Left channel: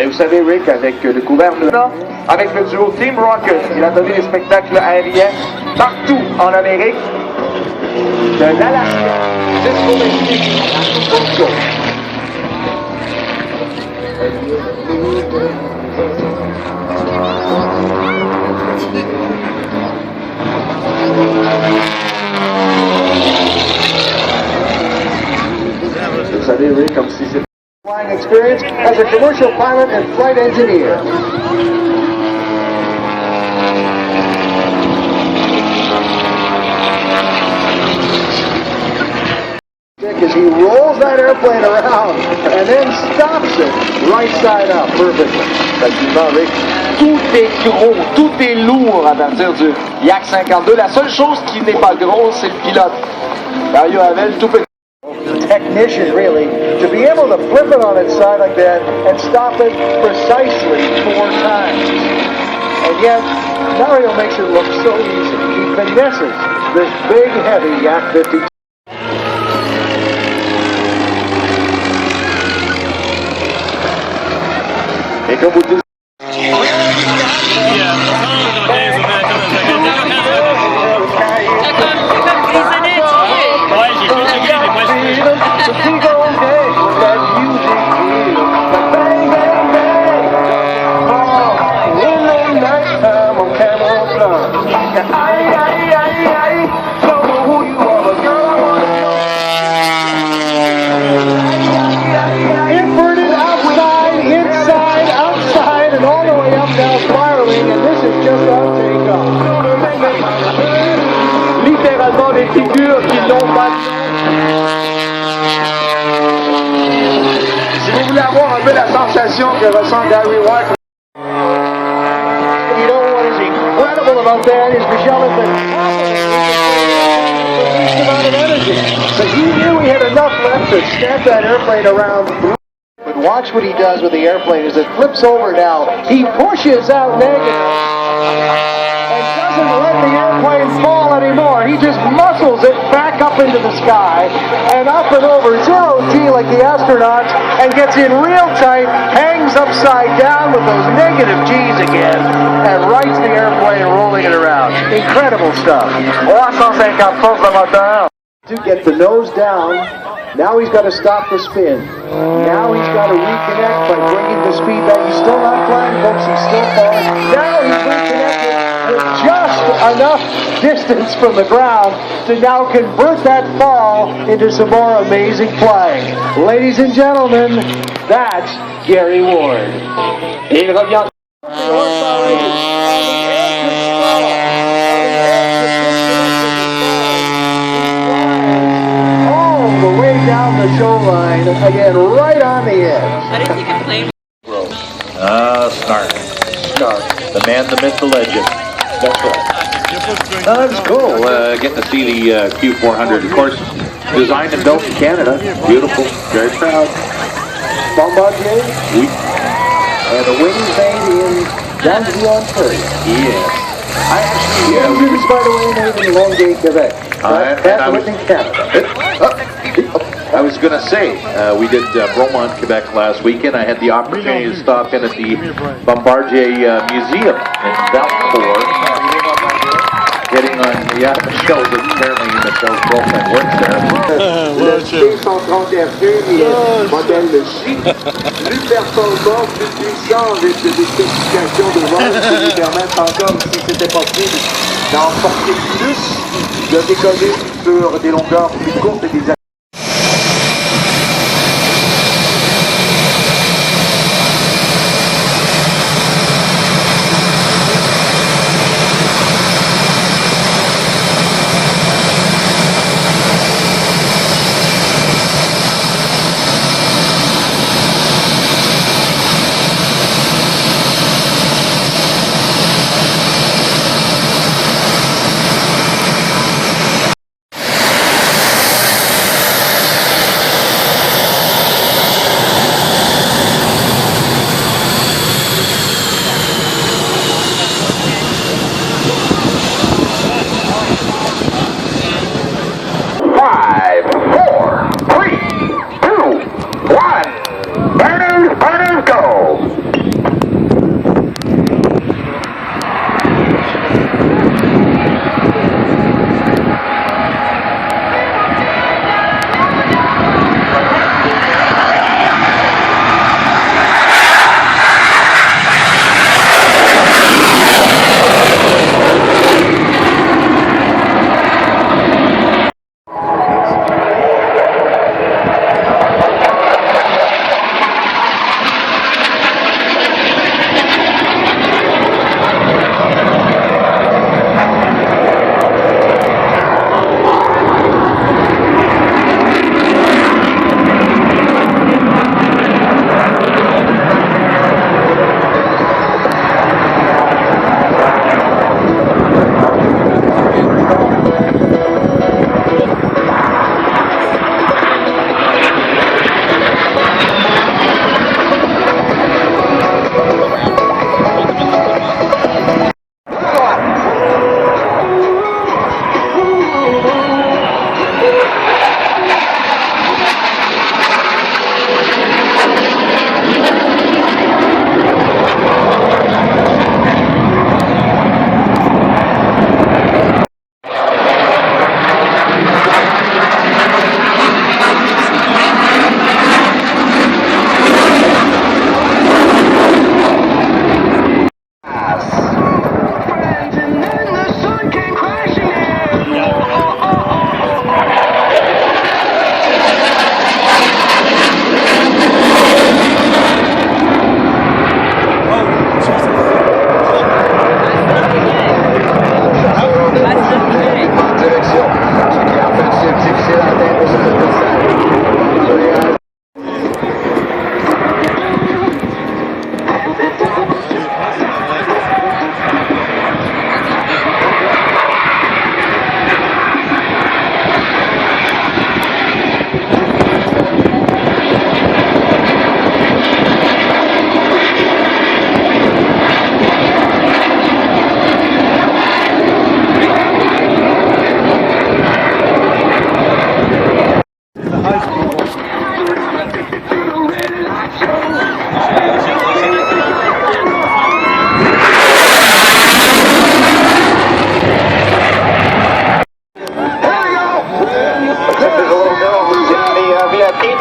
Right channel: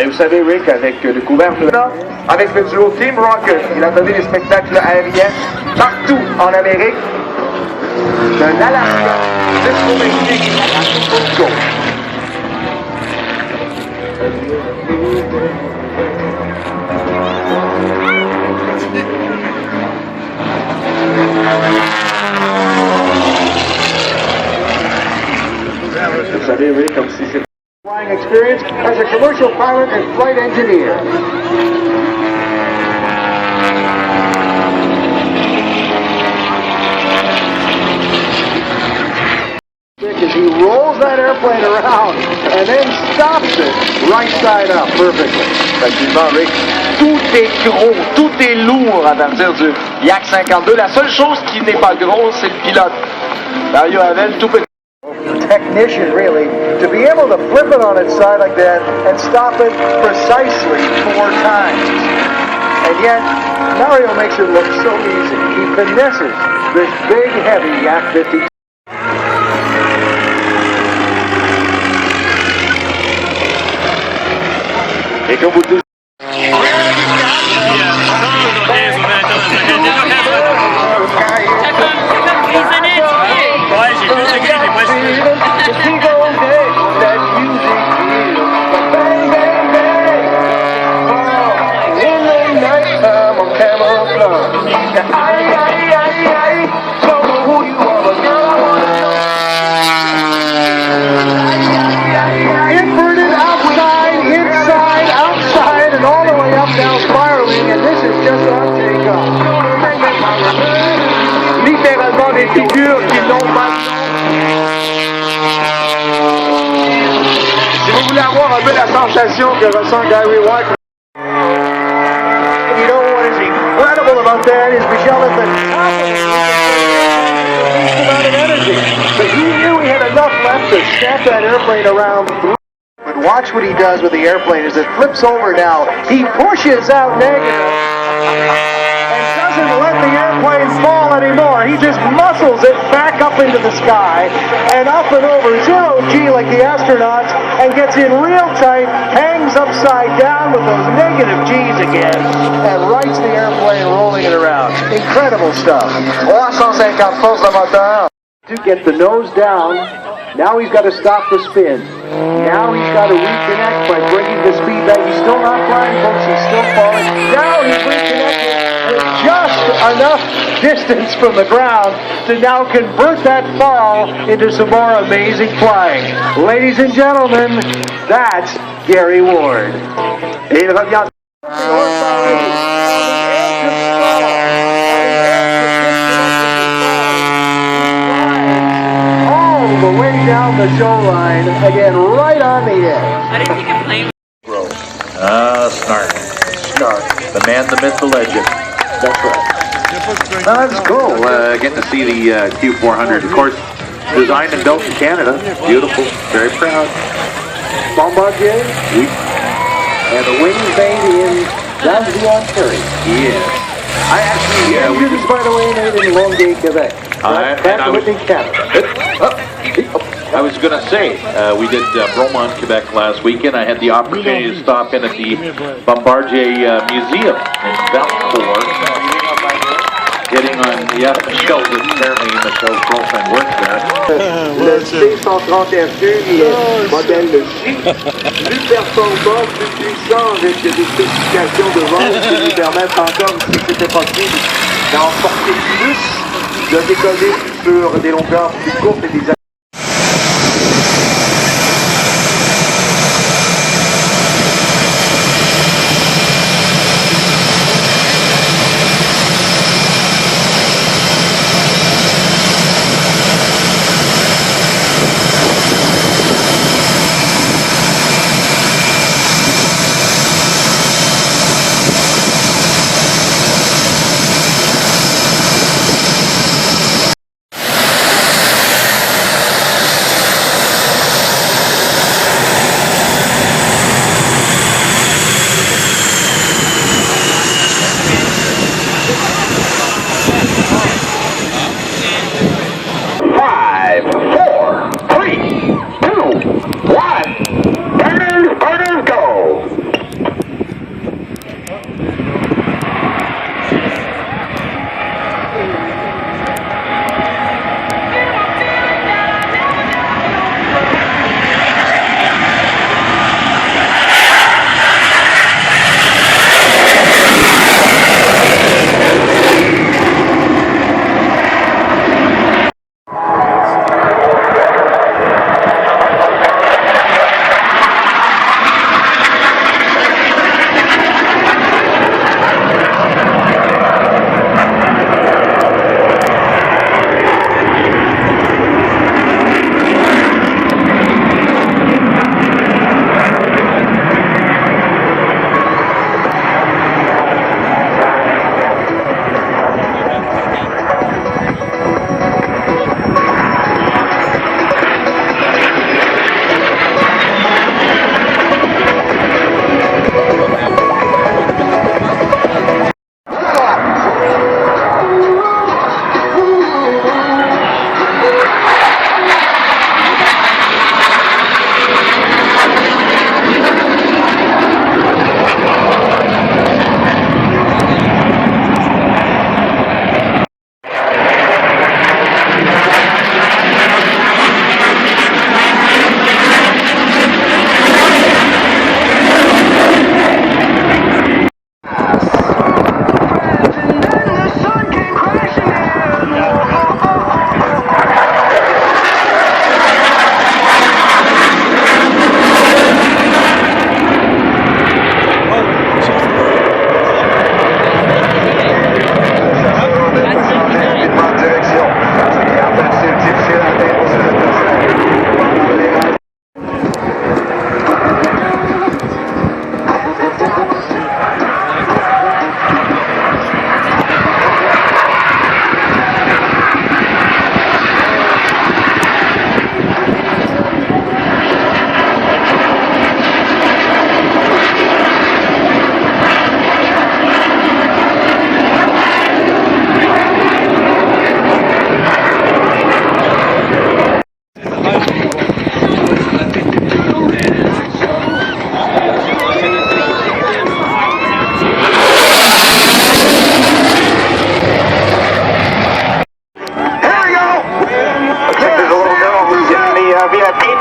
Et vous savez, Rick, avec le gouvernement, avec le duo Team Rocket, il a donné des spectacles aériens partout en Amérique, de l'Alaska jusqu'au Mexique. Vous savez, Rick, comme si c'était flying experience as a commercial pilot and flight engineer. As he rolls that airplane around and then stops it right side up perfectly. Effectivement, Rick, tout est gros, tout est lourd à partir du Yak 52. La seule chose qui n'est pas grosse, c'est le pilote. Mario Havel, tout petit. Technician, really, to be able to flip it on its side like that and stop it precisely 4 times. And yet, Mario makes it look so easy. He finesses this big, heavy Yak 52. Et comme vous dites... Figures qui n'ont pas. Si vous voulez avoir un peu la sensation que ressent Gary Watt. You know what is incredible about that is Michelle at the top of energy. Because he knew he had enough left to snap that airplane around. But watch what he does with the airplane as it flips over now. He pushes out negative. Doesn't let the airplane fall anymore. He just muscles it back up into the sky and up and over 0G like the astronauts and gets in real tight, hangs upside down with those negative G's again and rights the airplane rolling it around. Incredible stuff. 350 forces de moteur. To get the nose down, now he's got to stop the spin. Now he's got to reconnect by bringing the speed back. He's still not flying, folks. He's still falling. Now he's reconnected with just enough distance from the ground to now convert that fall into some more amazing flying. Ladies and gentlemen, that's Gary Ward. Et il revient. All the way down the shoreline, again, right on the edge. I didn't think a plane. Snark. The man, the myth, the legend. That's right. That's cool. Getting to see the Q400, of course, designed and built in Canada. Beautiful. Very proud. Bombardier. Oui. And the wings made in Dalville, Ontario. Yes. I actually... The engines, by the way, made in Longueuil, Quebec. That's Whitney, Canada. I was going to say, we did Bromont, Quebec last weekend. I had the opportunity to stop in at the Bombardier Museum in Valcourt. Getting on, Michelle's apparently Michelle's girlfriend works there. Le C-130 modèle de J, plus performant, plus puissant, avec des spécifications de vente qui lui permettent encore, si c'était possible, d'en porter plus, de décoller sur des longueurs plus courtes et des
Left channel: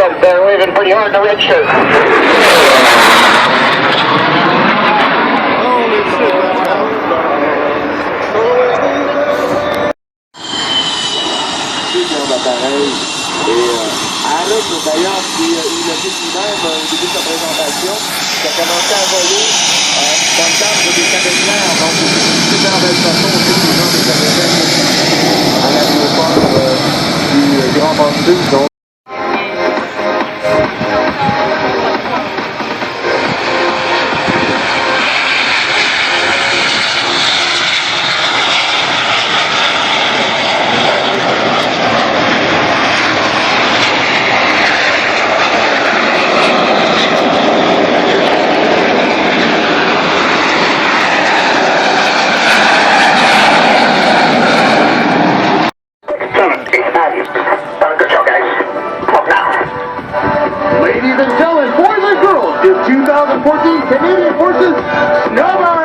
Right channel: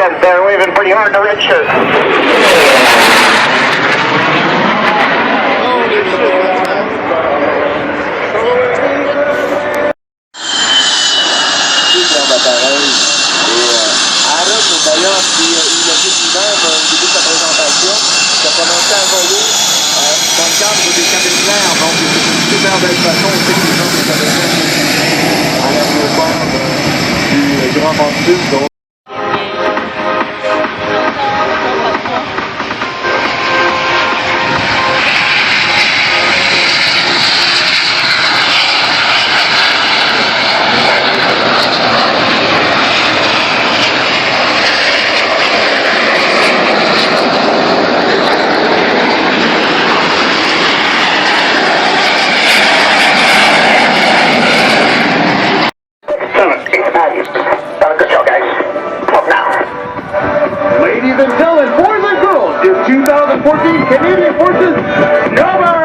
Ted there waving pretty hard in the red shirt. D'appareil. Et Aaron, d'ailleurs, qui il a dit lui-même au début de sa présentation, qui a commencé à voler dans le cadre des caméras, donc il était une super belle façon aussi de jouer des caméras à l'aéroport du Grand Montréal. Ladies and gentlemen, boys and girls, is 2014 Canadian Forces number!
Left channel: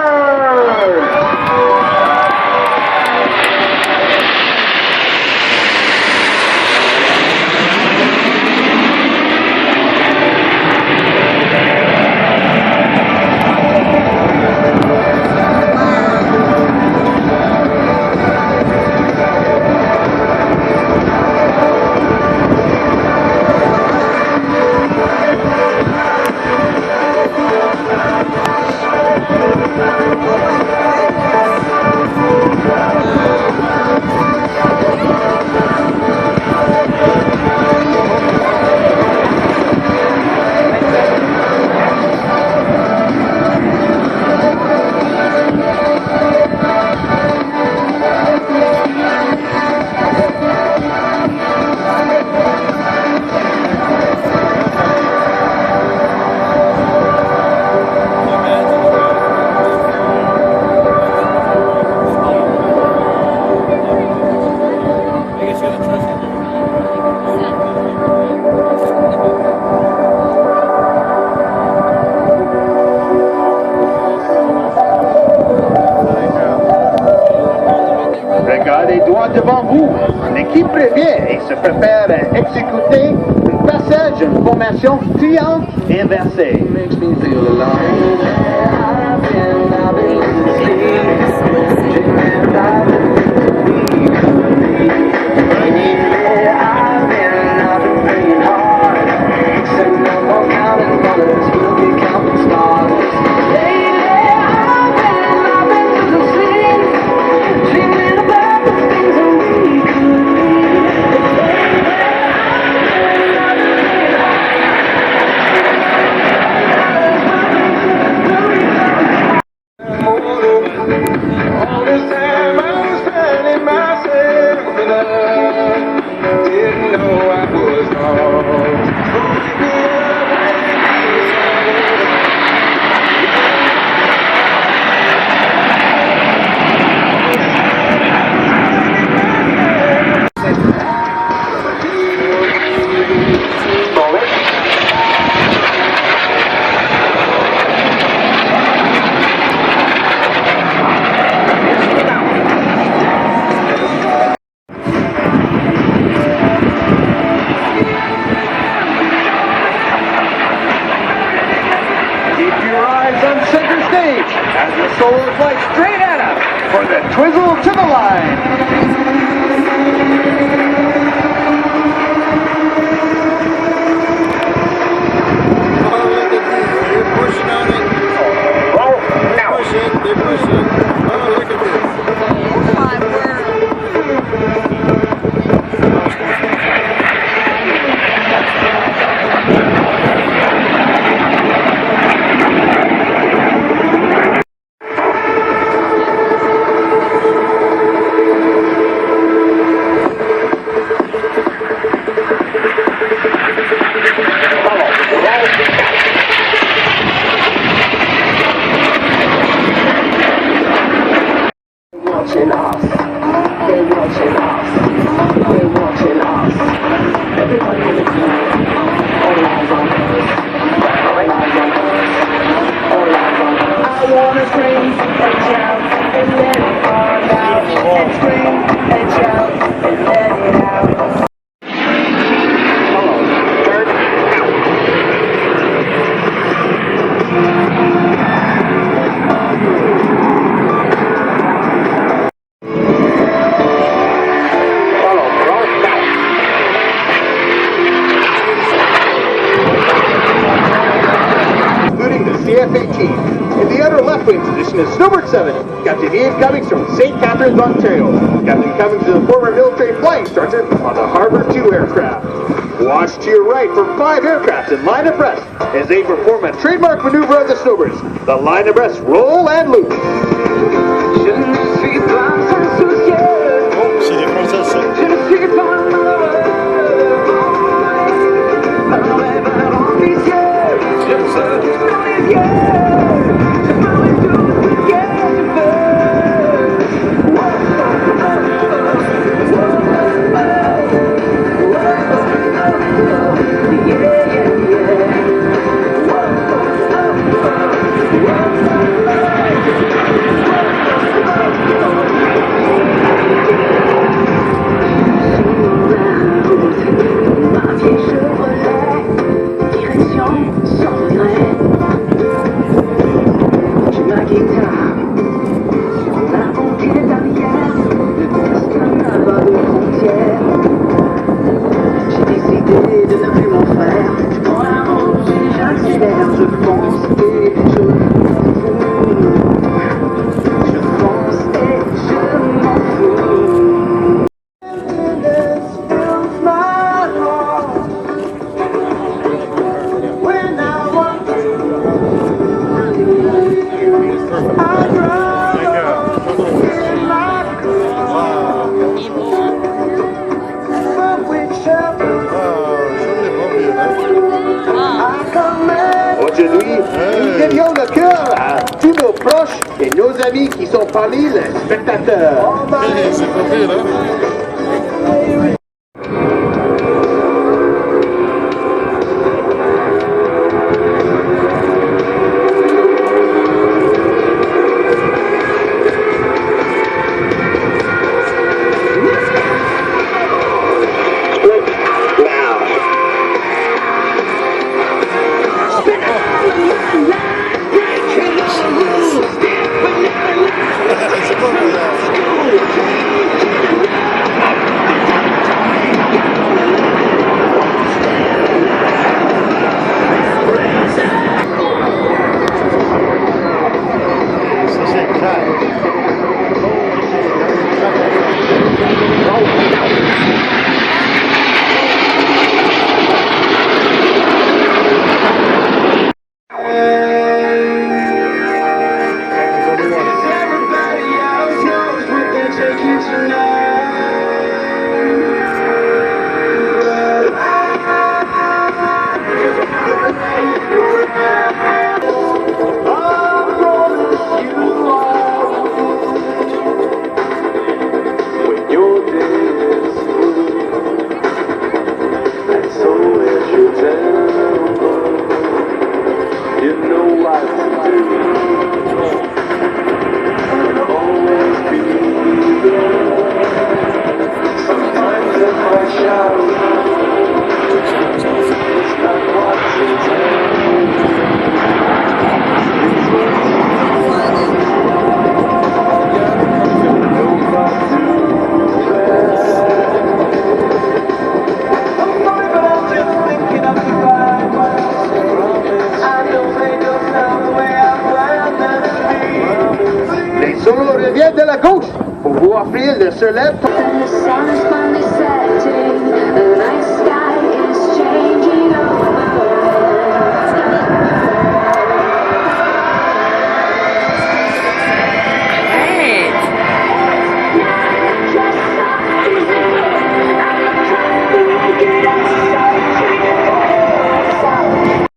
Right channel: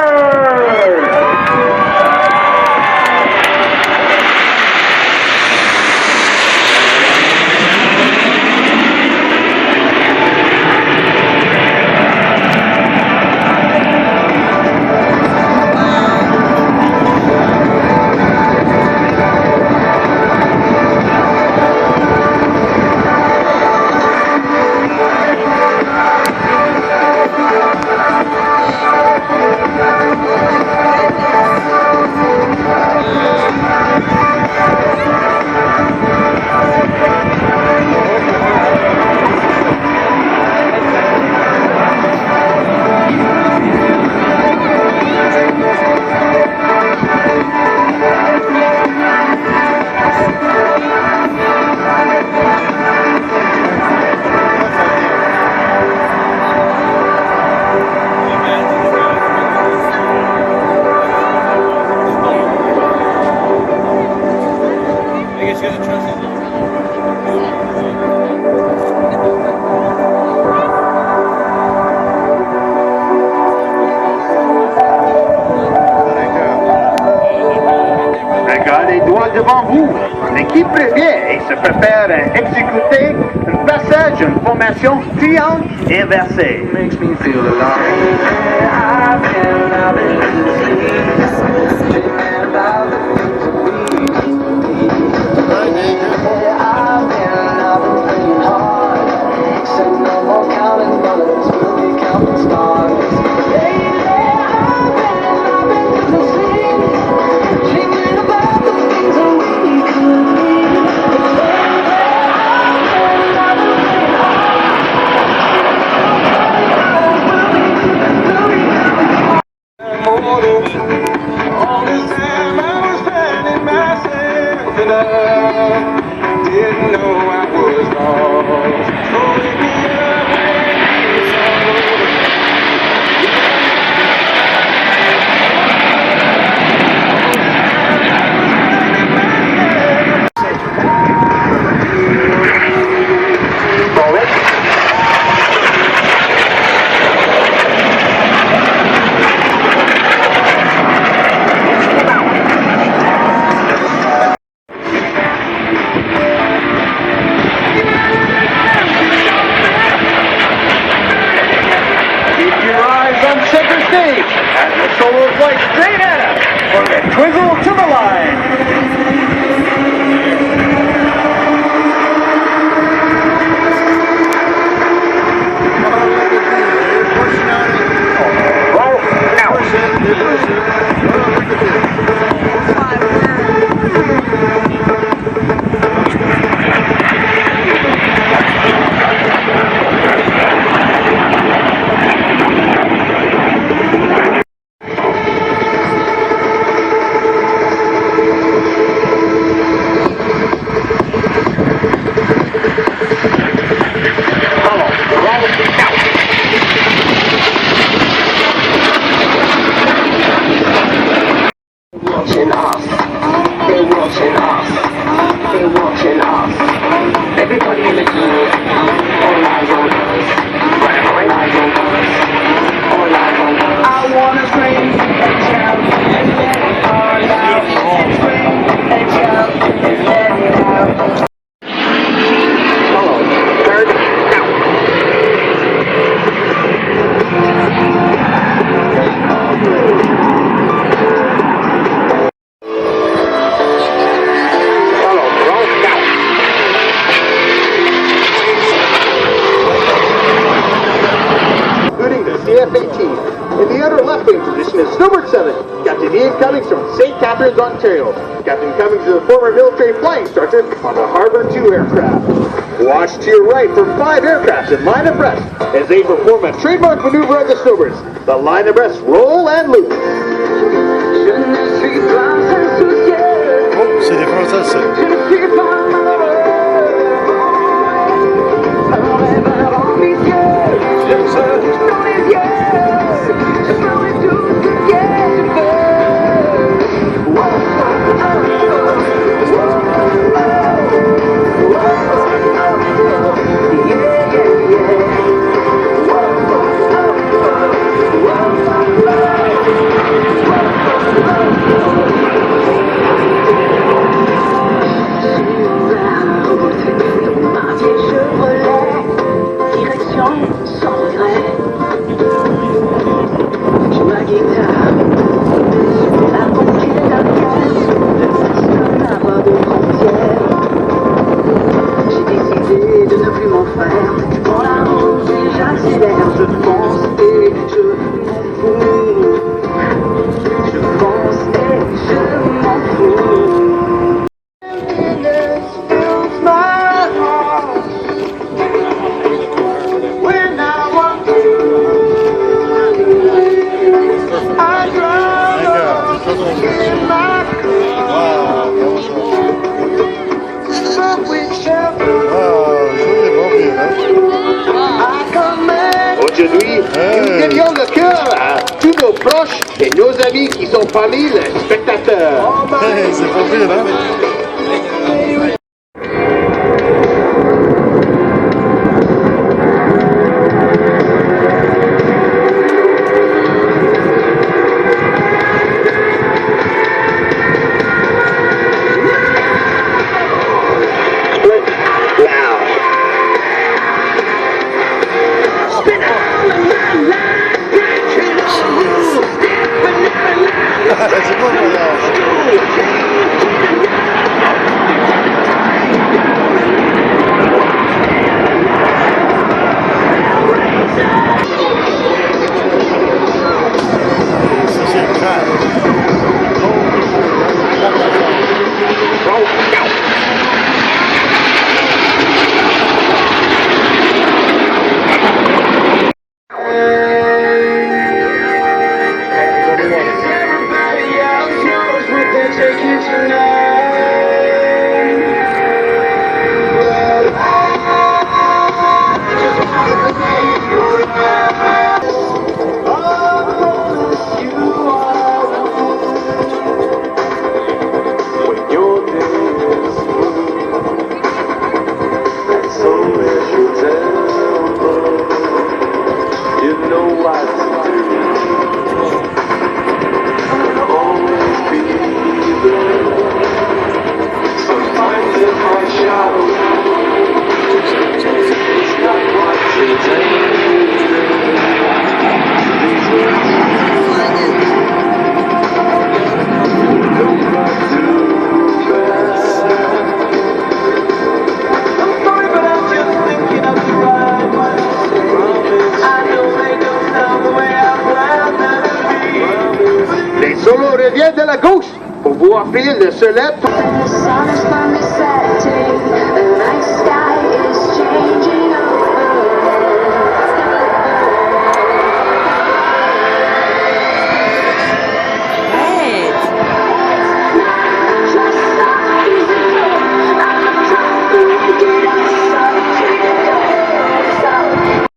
Les doigts devant vous. L'équipe prévient et se prépare à exécuter un passage, une formation triangle inversée. Makes me feel alive. I've been losing sleep, dreaming about who we could be. I've been playing hard, said no more counting dollars, we'll be counting stars. Lately, I've been losing sleep, dreaming about the things that we could be. All this time I was finding myself in love. Didn't know I was wrong. Keep your eyes on center stage as the solos like straight ahead for the twizzle to the line. CFA team. In the outer left wing position is Snowbird 7, Captain Ian Cummings from St. Catharines, Ontario. Captain Cummings is a former military flying instructor on the Harbour 2 aircraft. Watch to your right for 5 aircrafts in line abreast as they perform a trademark maneuver of the Snowbirds, the line abreast roll and loop. C'est des Français, ça. De ne plus m'en faire. Dans la route, j'accélère, je pense et je pense et je m'en fous. When I walk Aujourd'hui, nous dédions le cœur à tous nos proches et nos amis qui sont parmi les spectateurs. C'est pas pire, hein? De la gauche pour vous offrir le soleil. The sun is finally setting, the night sky